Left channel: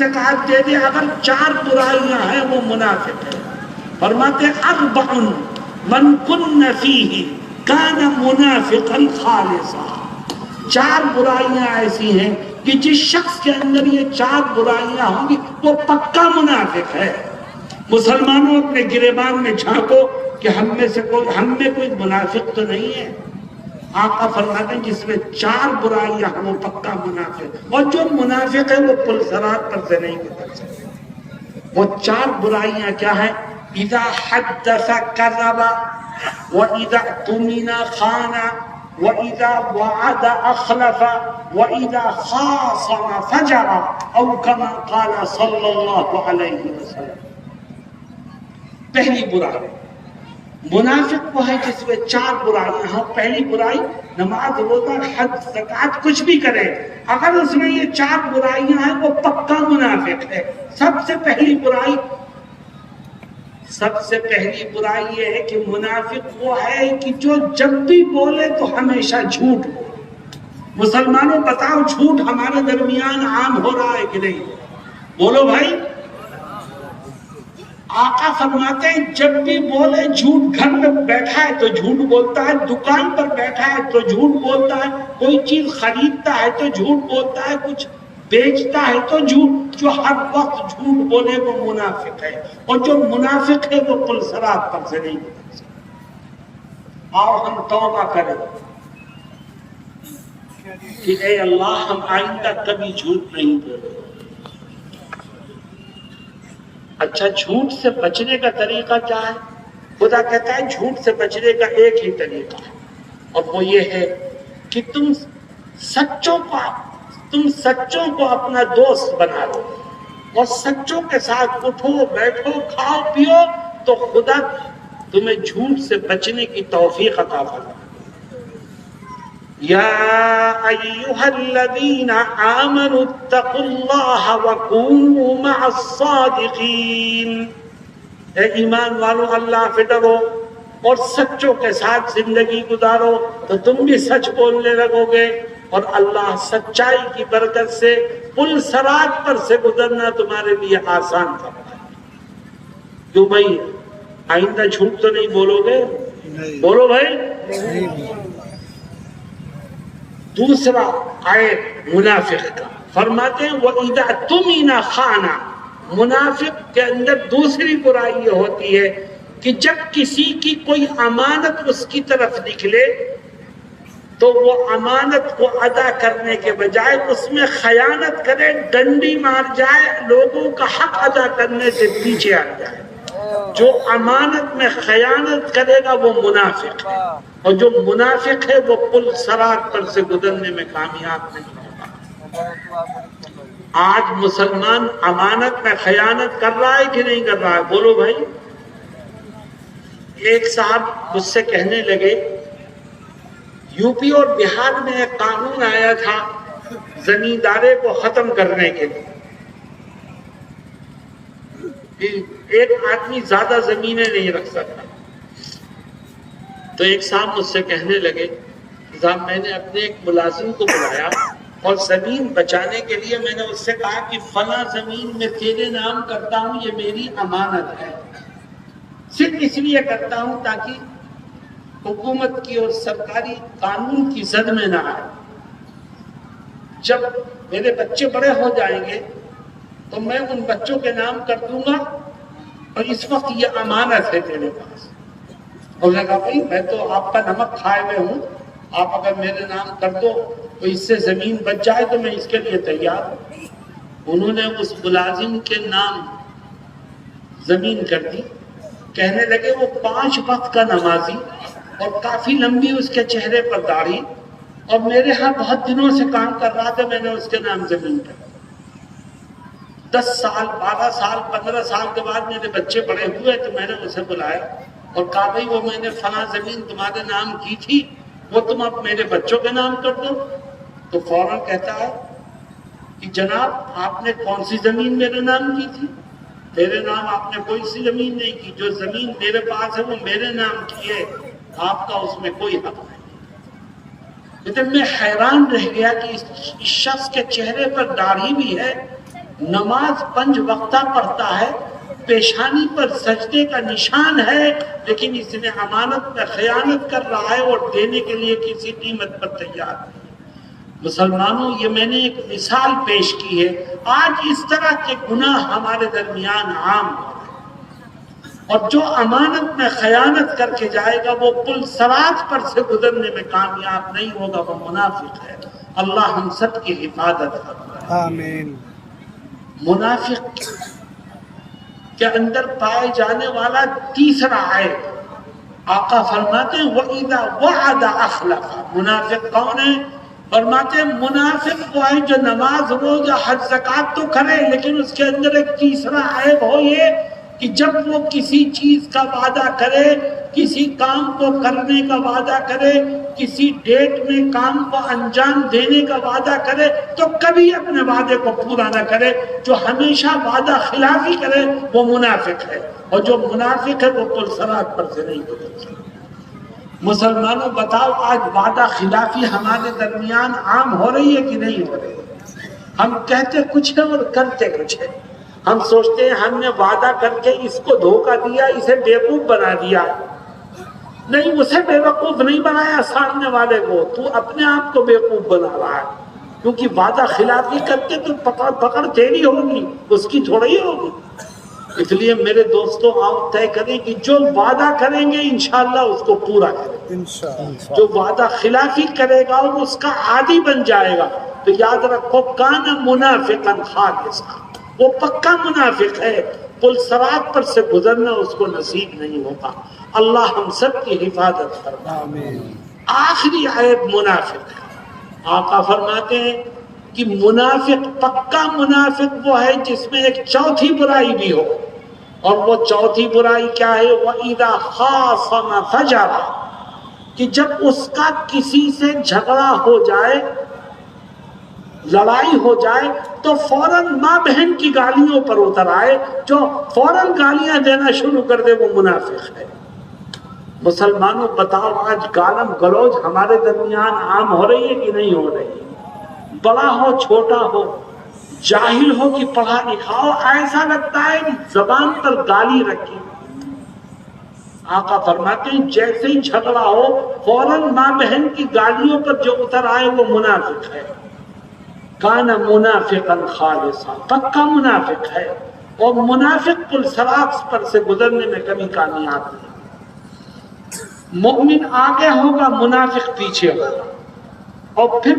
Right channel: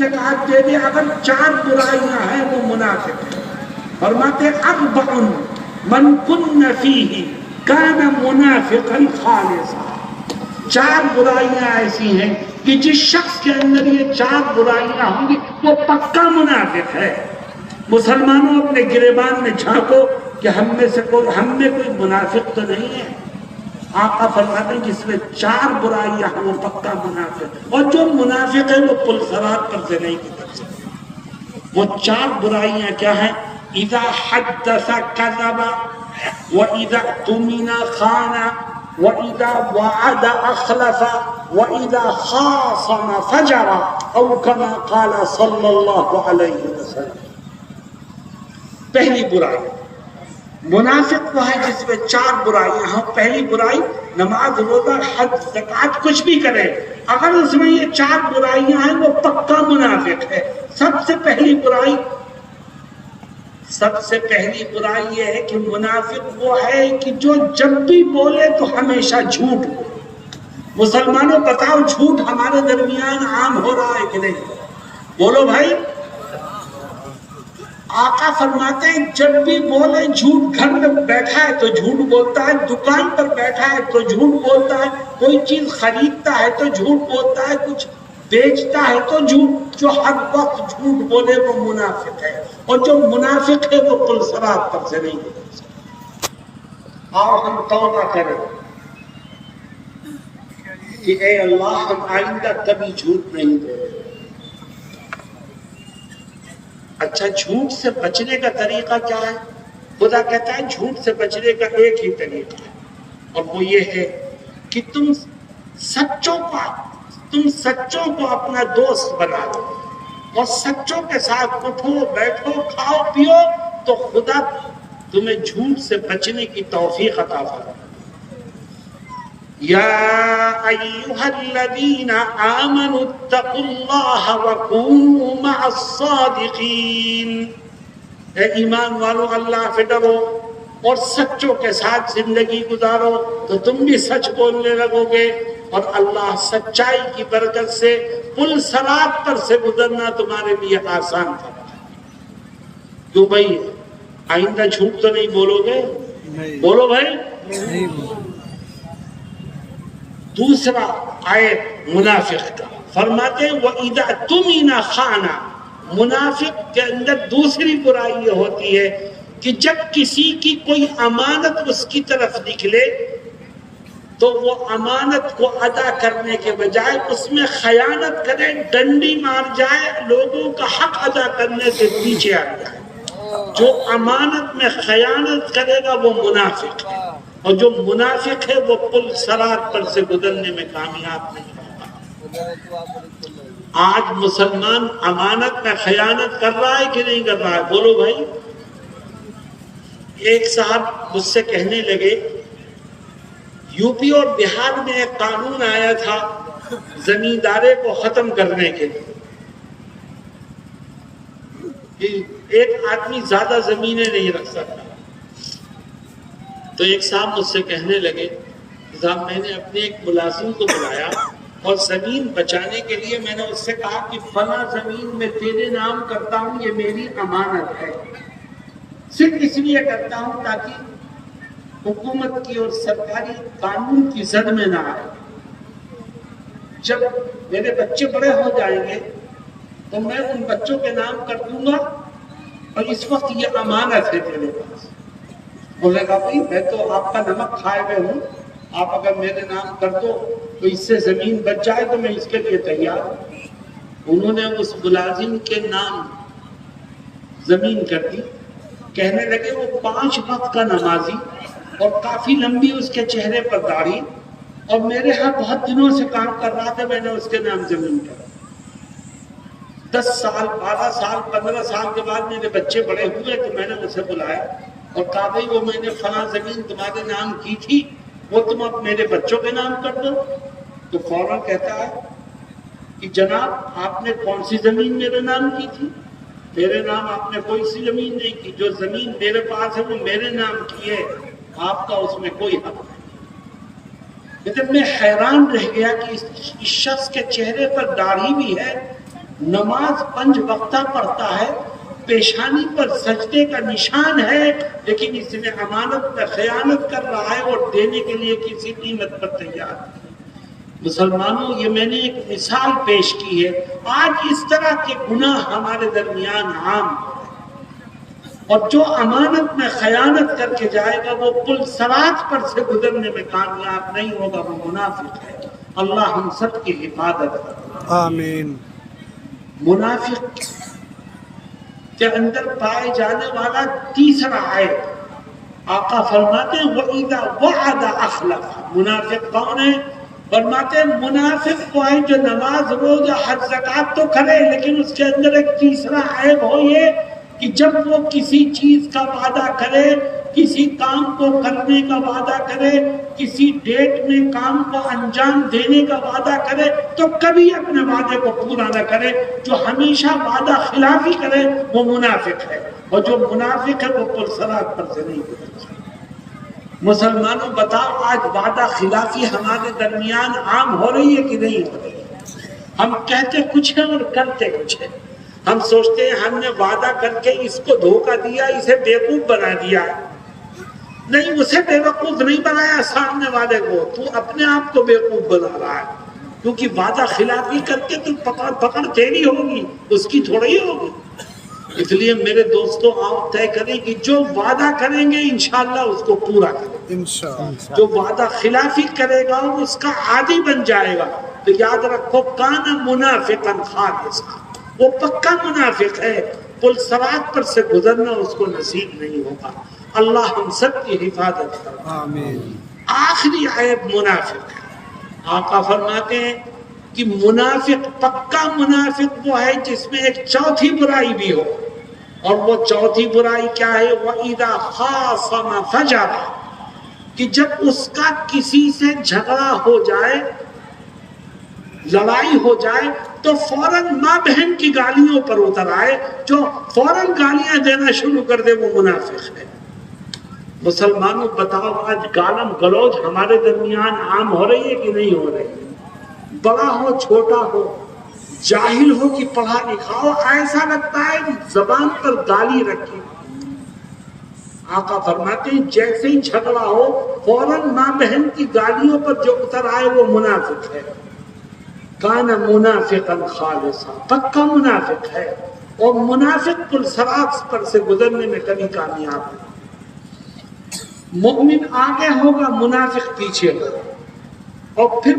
زکات دے دے اگر 4 برائیاں ہیں وہ منافق ہے. فرماتے اربع من کن فیہ کان منافقا خالصا. 4 برائیاں ایسی ہیں کہ جس شخص کے اندر یہ 4 برائیاں ہوں گی وہ پکا منافق ہے. مسلمانوں اپنے گریبان میں جھانکو کہ ہم میں کوئی منافق تو نہیں ہے. آقا فرماتے ہیں جس میں 4 برائیاں ہیں وہ پکا منافق ہے. اور جو منافق ہے وہ پل صراط پر سے نہیں گزر سکتے. وہ 4 برائیاں کیا ہیں؟ اذا حدث کذب واذا اؤتمن خان واذا وعد اخلف واذا خاصم فجر او كما قال صلی اللہ علیہ وسلم. پہلی برائی منافق وہ ہے جس میں 4 برائیاں ہیں. پہلی برائی نماز روزہ حج زکات کچھ بھی کرے اگر اس میں یہ 4 برائیاں ہیں وہ پکا منافق ہے. سب سے پہلی برائی یہ ہے کہ منافق وہ ہے کہ جو جب بھی بولے تو ہمیشہ جھوٹ بولے. مسلمانوں بتاؤ جھوٹ ہمارے درمیان عام ہو رہا ہے کہ نہیں؟ بولو بھائی. آقا فرماتے ہیں جب بھی بولے جھوٹ. گھر میں بیٹھا ہے تو جھوٹ بولتا ہے, دکان پر بیٹھا ہے تو جھوٹ بولتا ہے, کوئی چیز خریدتا ہے تو جھوٹ بولتا ہے, کچھ بیچتا ہے تو جھوٹ. جو ہر وقت جھوٹ بولے وہ منافق ہے, اور جو منافق ہے وہ پل صراط پر سے نہیں گزر سکتا. آؤ ہم توبہ کریں کہ اے اللہ ہم آئندہ کبھی جھوٹ نہیں بولیں. اچھا جھوٹ سے بچنے کا طریقہ کیا ہے؟ خدا کہتا ہے جھوٹ سے بچنے کا ایک ہی طریقہ ہے اور وہ یہ ہے کہ تم سچوں کو اپنا دوست بنا لو اور سچوں کے ساتھ اٹھو بیٹھو کھاؤ پیو تو خدا تمہیں جھوٹ سے بچنے کی توفیق عطا فرمائے. یا ایھا الذین آمنوا اتقوا اللہ وکونوا مع الصادقین. اے ایمان والو اللہ سے ڈرو اور سچوں کے ساتھ زندگی گزارو تو تم بھی سچ بولنے لگو گے اور اللہ سچائی کی برکت سے پل صراط پر سے گزرنا تمہارے لیے آسان کرتا ہے. کیوں بھائی آئندہ جھوٹ تو نہیں بولو گے؟ بولو بھائی. دوسرا آئے منافق کا فرماتے ہیں وَإِذَا اؤْتُمِنَ خَانَ. منافق کے اندر دوسری برائی یہ ہوتی ہے کہ جب کسی کی کوئی امانت اس کی طرف نکلے تو وہ امانت کو ادا کرنے کے بجائے اس میں خیانت کرے, ڈنڈی مار جائے, لوگوں کا حق ادا کرنے سے پیچھے آ جائے. جو امانت میں خیانت کرے گا وہ منافق ہے, اور جو منافق ہے وہ پل صراط پر سے گزرنے میں کامیاب نہیں ہوگا. آج مسلمان امانت میں خیانت کر رہا ہے کہ نہیں کر رہا ہے؟ بولو بھائی. ایک صاحب مجھ سے کہنے لگے یو پی اور بہار میں ایک قانون آیا تھا زمیندارے کو ختم کرنے کے لیے. ایک آدمی زیادہ زمینیں نہیں رکھ سکتا. تو ایک صاحب مجھ سے کہنے لگے صاحب میں نے اپنے ایک ملازم کو بلایا اور زمین بچانے کے لیے میں نے اس سے کہا کہ فلاں زمین میں تیرے نام کرتا ہوں, یہ میری امانت ہے, صرف اس لیے کرتا ہوں تاکہ حکومت کی اور سرکاری قانون کی زد میں نہ آئے. جب میرے بچے بڑے ہو جائیں گے تو میں ان بچوں کے نام کر دوں گا اور اس وقت یہ امانت ہے تیرے پاس. اور نے کہا بھائی میں تو آپ کا نمک کھائے ہوئے ہوں, آپ اگر میرے نام کر دو تو اس سے زمین بچ جائے تو میں اس کے لیے تیار ہوں. انہوں نے اس ملازم کے نام زمین کر دی. کہنے لگے وہ 5 وقت کا نمازی اور کافی لمبی اس کے چہرے پر داڑھی, اور میرے ہاں بہت دنوں سے کام کر رہا تھا, میں نے اس کے نام زمین کر دی. 10 سال 12 سال 15 سال کے بعد میرے بچے بڑے ہوئے تو میں نے اسے بلایا اور کہا بھائی وہ میں نے فلاں زمین تمہارے نام کی تھی وہ تم اب میرے بچوں کے نام کر دو. تو فوراً کہتا ہے کہ جناب آپ نے کون سی زمین میرے نام کی تھی؟ میرے نام آپ نے کوئی سی زمین نہیں کی, جو زمین میرے پاس ہے وہ میرے نام کی ہے, آپ کا اس میں کوئی حق نہیں. لیکن میں حیران رہ گیا کہ اس شخص کے چہرے پر داڑھی بھی ہے نماز 5 وقتہ پڑھتا ہے، پیشانی پر سجدے کا نشان ہے، لیکن اس نے امانت میں خیانت کر رہا ہے اور دینے کے لیے کسی قیمت پر تیار نہیں۔ مسلمانوں، یہ میں نے ایک مثال پیش کی ہے۔ آج اس طرح کے گناہ ہمارے درمیان عام ہیں، اور جو امانت میں خیانت کر کے جائے گا وہ پل صراط پر سے گزرنے میں کامیاب نہیں ہوگا، وہ منافق ہے۔ اللہ ہم سب کی حفاظت کرے، آمین۔ منافق کے اندر پائے جانے والا تیسرا عیب، آقا فرماتے ہیں وَإِذَا وَعَدَ أَخْلَفَ۔ منافق کون ہے؟ فرماتے ہیں منافق وہ ہے جو نماز روزہ حج زکات تو کرے، لیکن اس کے اندر ایک تیسرا عیب ہو یہ کہ جب وہ کسی چیز کا وعدہ کرے، کسی کام کو کرنے کا وعدہ کرے، کسی ڈیٹ میں کام کو انجام دینے کا وعدہ کرے تو کبھی اپنے وعدے کو پورا نہ کرے۔ جو ہمیشہ وعدہ خلافی کرے وہ منافق ہے، اور جو منافق ہے وہ پل صراط پر سے نہیں گزر سکتا۔ مسلمانوں بتاؤ، آج وعدہ خلافی ہمارے درمیان عام ہو رہی ہے کہ نہیں ہو رہی ہے؟ ہم کہتے کچھ ہیں اور کرتے کچھ ہیں۔ ہم سوچتے ہیں ہم نے وعدہ کر کے اس کو دھوکہ دیا، اسے بیوقوف بنا دیا۔ نہیں، اسے بیوقوف نہیں بنایا، سامنے والے کو تو اپنے آپ کو بیوقوف بنا رہا ہے، کیونکہ وعدہ خلافی کر کے تو پکڑ تیری ہوگی، اس کی تھوڑی ہوگی۔ اس لیے میرے دوستوں، آپ طے کریں کہ جو وعدہ کریں گے انشاءاللہ اس کو پورا کریں گے۔ جو وعدہ خلافی کرے گا وہ اس کا عادی بن جائے گا۔ تو یاد رکھو، کان منافقا خالصا، وہ پکا منافق ہے، پل صراط پر سے گزرنا اس کو نصیب نہیں ہوگا۔ اللہ ہم سب کی حفاظت کرے۔ آخری عیب منافق ہے۔ آقا فرماتے ہیں کہ منافق، پکا منافق وہ ہے جس میں ایک چوتھی برائی بھی ہو، اور وہ چوتھی برائی کیا ہے؟ وَإِذَا خَاصَمَ فَجَرَ، کہ جب اس کا کسی سے جھگڑا ہو جائے، لڑائی ہو جائے تو فوراً ماں بہن کی گالیوں پر اتر آئے، جو فوراً گالیاں دینا شروع کر دے وہ منافق ہے۔ مسلمانوں بتاؤ، آج گالم گلوچ ہمارے درمیان عام ہو رہی ہے کہ نہیں ہو رہی ہے؟ بڑا ہو چھوٹا ہو، جاہل ہو کہ پڑھا لکھا ہو، ایسا لگتا ہے زبان پر گالی رکھی۔ آقا فرماتے ہیں جیسے ہی جھگڑا ہو فوراً ماں بہن کی گالیوں پر جو اتر آئے وہ منافق ہے۔ کان منافقا خالصا، پکا منافق ہے، اور منافق پل صراط پر سے گزرنے میں کبھی کامیاب نہیں۔ مومن آگے ہوگا، منافق پیچھے ہوگا، اور پھر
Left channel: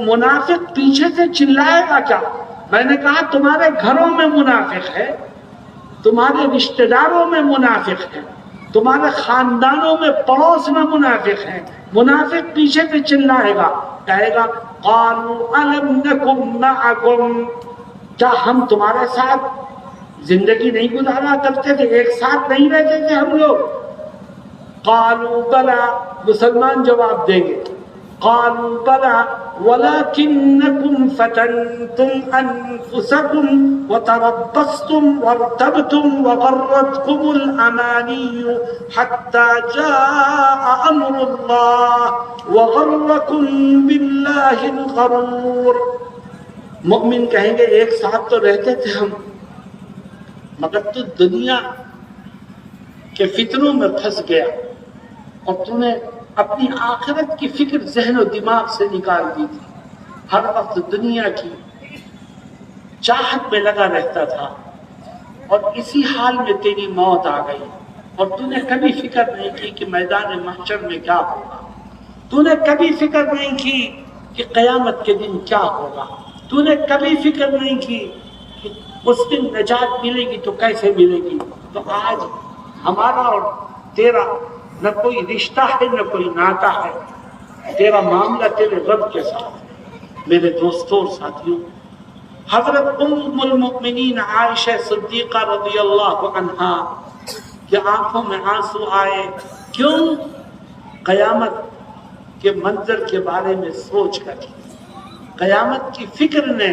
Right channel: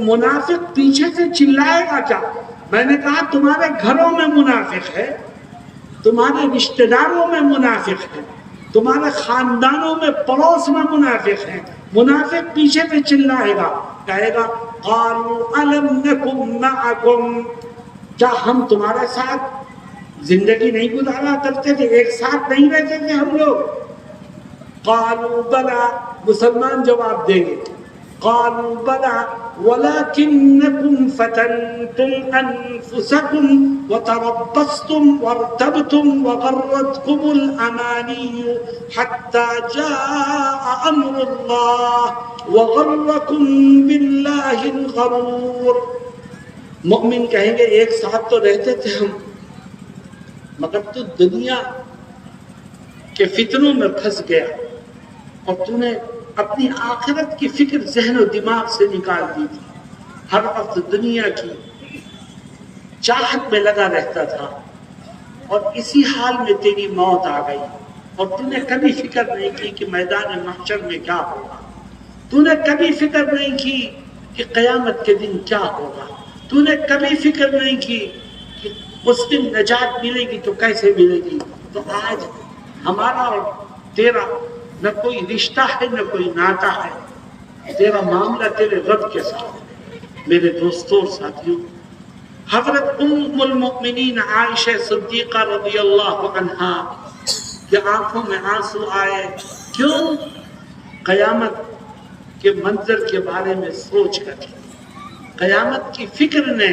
منافق پیچھے سے چلائے گا کیا؟ میں نے کہا تمہارے گھروں میں منافق ہے، تمہارے رشتہ داروں میں منافق ہے، تمہارے خاندانوں میں پڑوس میں منافق ہیں۔ منافق پیچھے سے چلائے گا، کہے گا قالوا الم نکن معکم، کیا ہم تمہارے ساتھ زندگی نہیں گزارا کرتے تھے، ایک ساتھ نہیں رہتے تھے ہم لوگ؟ قالوا بلا، مسلمان جواب دیں گے، قالوا بلا ولكنكم فتنتم انفسكم وتربصتم وارتبتم وغرتكم الاماني حتى جاء امر الله وغركم بالله الغرور۔ مؤمن کہیں گے ایک ساتھ تو رہتے تھے ہم، مگر تو دنیا کے فتنوں میں پھنس گیا، اور تو نے اپنی آخرت کی فکر ذہن و دماغ سے نکال دی تھی، ہر وقت دنیا کی چاہت میں لگا رہتا تھا، اور اسی حال میں تیری موت آ گئی، اور تو نے کبھی فکر نہیں کی کہ میدان محشر میں کیا ہوگا، تو نے کبھی فکر نہیں کی کہ قیامت کے دن کیا ہوگا، تو نے کبھی فکر نہیں کی کہ اس دن نجات ملے گی تو کیسے ملے گی۔ تو آج ہمارا اور تیرا نہ کوئی رشتہ ہے نہ کوئی ناتا ہے، تیرا معاملہ تیرے رب کے ساتھ۔ میرے دوستوں اور ساتھیوں، حضرت ام المؤمنین عائشہ صدیقہ رضی اللہ عنہا کے آنکھوں میں آنسو آئے، کیوں؟ قیامت کے منظر کے بارے میں سوچ کر، قیامت کی فکر نے،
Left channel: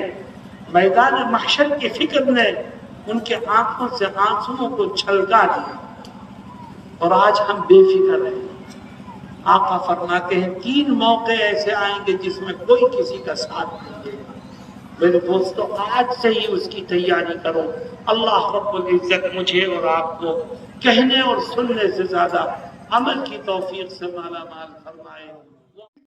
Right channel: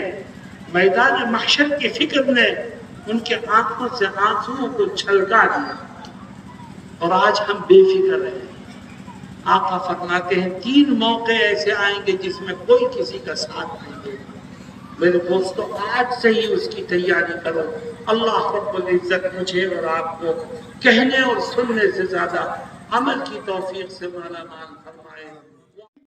میدان محشر کی فکر نے ان کے آنکھوں سے آنسوؤں کو چھلکا دیا، اور آج ہم بے فکر رہے ہیں۔ آقا فرماتے ہیں 3 موقع ایسے آئیں گے جس میں کوئی کسی کا ساتھ نہیں دے گا۔ میرے دوستو آج سے ہی اس کی تیاری کرو. اللہ رب العزت مجھے اور آپ کو کہنے اور سننے سے زیادہ عمل کی توفیق سے مالا مال فرمائے.